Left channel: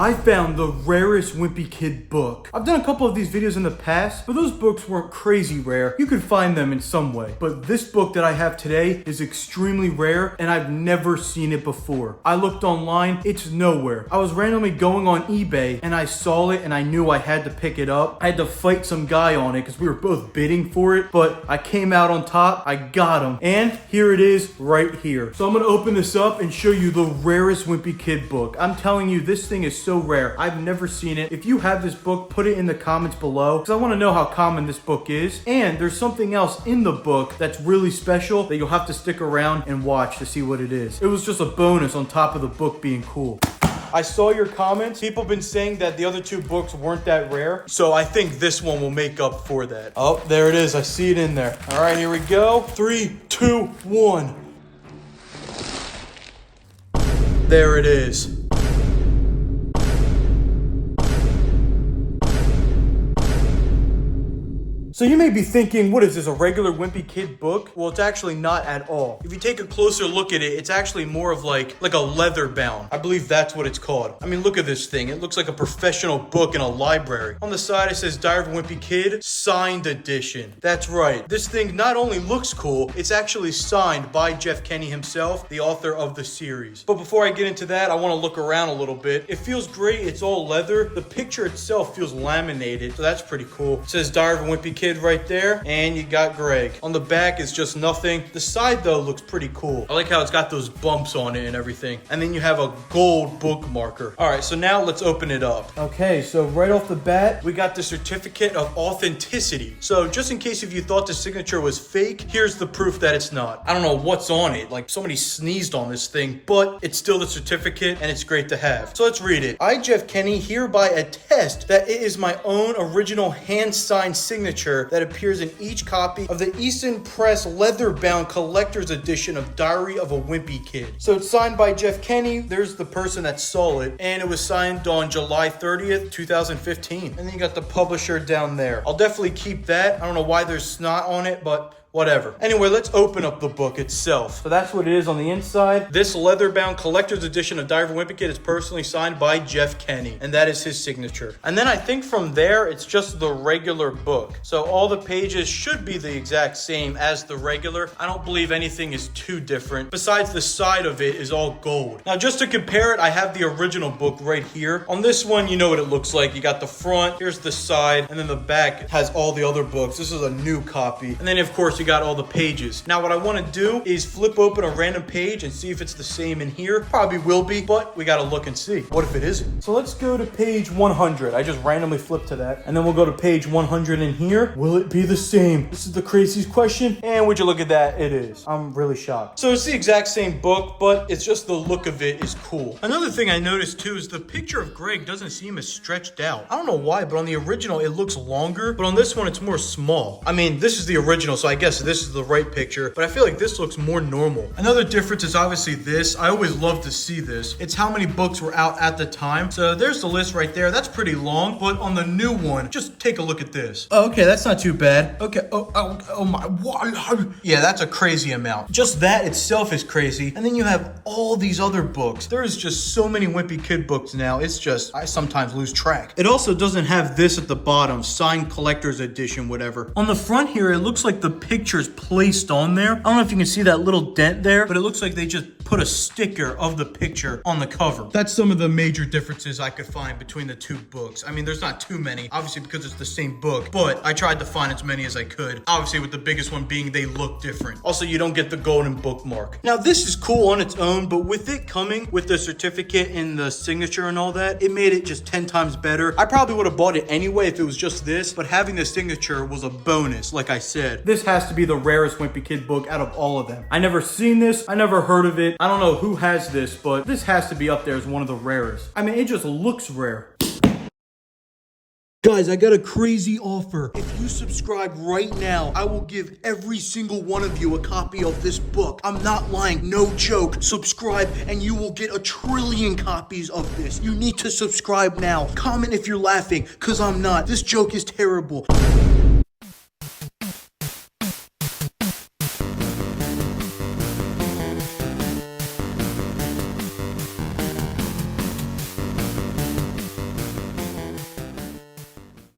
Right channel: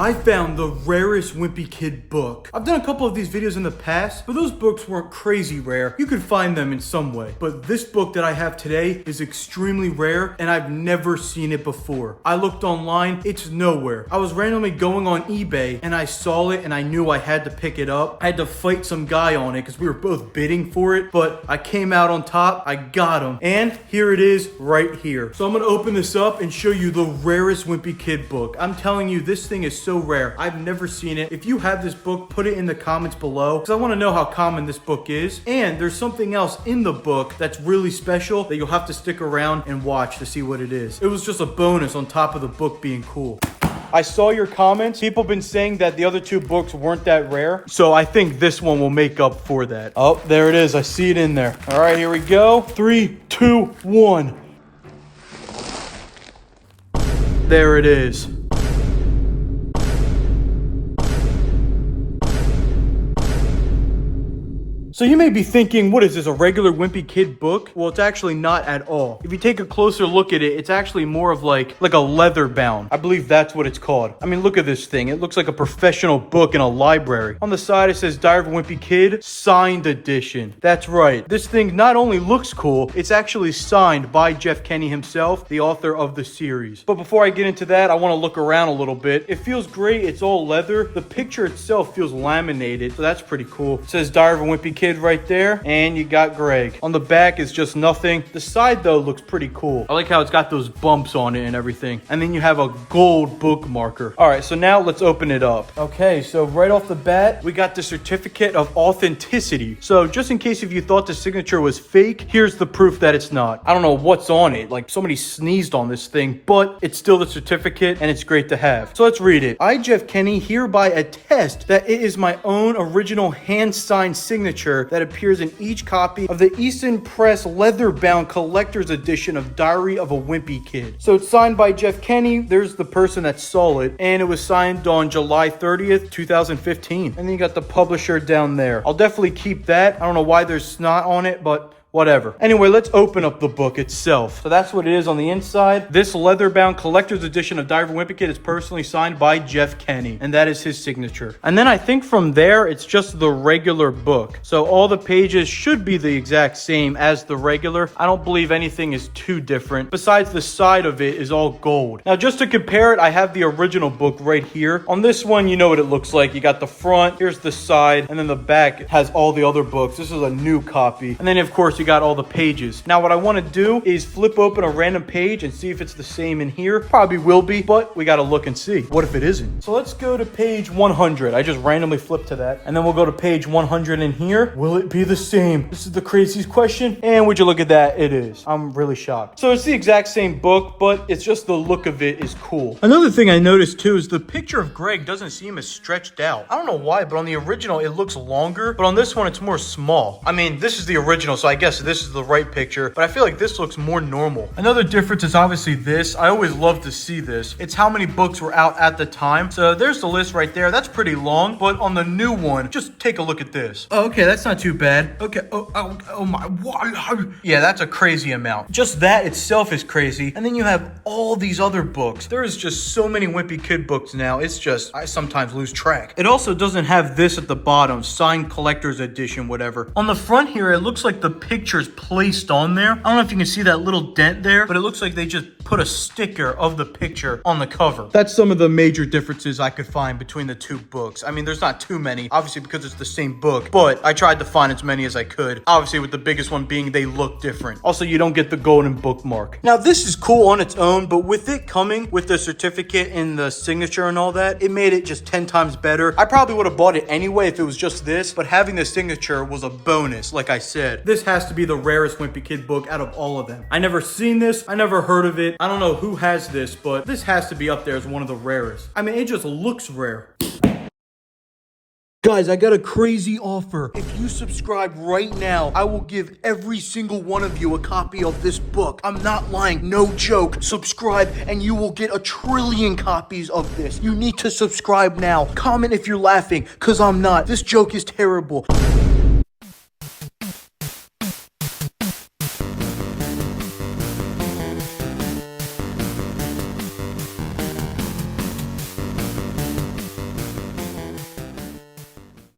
I found the rarest Wimpy Kid book. I've done a couple of these videos in the past, but those books weren't crazy rare. You could find them in some way. But this book that I have today is extremely rare, and I've never seen it before. I looked online, it's nowhere. I was randomly going on eBay, and I saw it, and I knew I had to pick it up. I had to fight some guy on it, because we were both bidding for it, but I came out on top, I got him. And here it is, right here. So I'm gonna open this up and show you the rarest Wimpy Kid book. I'm telling you, this thing is so rare. I've never seen it. If you have this book, put it in the comments below because I want to know how common this book is. And there's something else in the book that's really special that you'll have to stick around and watch to see what it is. It was just a bonus on top of the book being cool. I saw your comments. People have been saying that the other two books weren't that rare. So I think this one will make up for that. Oh, there it is. I see it in there. All right, here we go. 3, 2, 1. There it is. So you may be thinking, what is this, a regular Wimpy Kid book? Well, it's actually not at all. If you take a closer look at it, it's actually more of like a leather bound. I believe that's what it's called. I mean, look at this thing. It looks like a professional book in a library. On the side, it says Diary of a Wimpy Kid, signed edition. That's right. This thing not only looks cool, it's actually signed by Jeff Kinney himself, the author of the series. But before I get into that, I want to look around a little bit. It feels great. It's all leather. The picture itself feels laminated, so that's pretty cool. It says Diary of a Wimpy Kid right there, and you got Greg. On the back is just nothing. The side though looks pretty cool. I like how it's got those bumps on it and everything. And then you have a gold bookmarker. All right, so now let's open it up. Okay, so right off the bat, we got the certificate of authenticity. So just in case if you thought the signature was fake, here's the proof that it's not. I don't know what's on it. Like somebody sneezed on this thing, but it's still the certificate and it's great to have. So let's read it. I, Jeff Kinney, hereby attest that it is my own original hand-signed signature that appears in each copy of the Easton Press leather-bound collector's edition of Diary of a Wimpy Kid. So it's signed by Jeff Kinney. There's the person that saw it, and it was signed on July 30th, 2015. And then you got the publisher down there. I'll definitely keep that. I don't know why there's snot on it, but whatever. Anyway, let's open up the book itself. So that's what it is on the inside. This leather-bound collector's edition of Diary of a Wimpy Kid is personally signed by Jeff Kinney, and that is his signature. And then I think from there, it's just the regular book. So all the pages should be the exact same as the regular. I don't believe anything is too different. Besides, the side of it is all gold. Now, just to compare it, I have the original book right here. On this one, you know what it looks like. You got the front, here's the side, and then the back has all the other books. This is a new copy. And then, of course, you got all the pages. Now what I want to do is flip open a random page and see if it's the same in here. Probably will be, but we got to look and see. What if it isn't? So let's go to page 100. I just randomly flipped to that. And then we'll go to page 100 in here. Will it be the same? This is the craziest question. And would you look at that? It is. I'm really shocked. So it's the exact same book, but it's just the look of it is cool. Another thing I noticed too is the picture of Greg doesn't seem as stretched out. I don't know why, but on the original it looks longer, but on this one it's more small. I mean, this is the original, so I guess this is the right picture, but I feel like this looks more normal. Another difference is obviously this. I always love to see this. It's how many books were out at the time. So there's the list right there. That's pretty long, but on the new one, just take a look at this. Oh, okay, that's not too bad. Okay, oh my, wow. Yeah, that's a crazy amount. Just that itself is crazy. And then you have all these other books. There's just so many Wimpy Kid books now. It's just, I sometimes lose track. It also doesn't have this at the bottom, signed collector's edition, whatever. On the front here, it looks like the picture's placed on there. I don't know if you can see that little dent there, but it looks like they just put a sticker of the picture on the cover. That's some of the major differences I could find between the two books. I mean, there's not too many, obviously, because it's the same book, but I tried to find as many as I could. Obviously, with the biggest one being they look different. Also, you don't get the golden bookmark. Now, this is cool on its own, but with it coming with the certificate and the signature and all that, it made it just 10 times better. I probably would have bought it anyway if it was just this, but having the signature was a bonus, like I said. This has to be the rarest Wimpy Kid book out of all of them. I never seen this. I never heard of it. I don't know who has this, but this has to be up there as one of the rarest. I mean, it just looks rare. Guys, I got a crazy offer. If you subscribe right now, I will give every single one of you a copy of this book. I'm not lying, no joke. Subscribe and you will get 1 trillion copies of this. You need to subscribe now. Comment if you're laughing, because I'm not. This joke is terrible.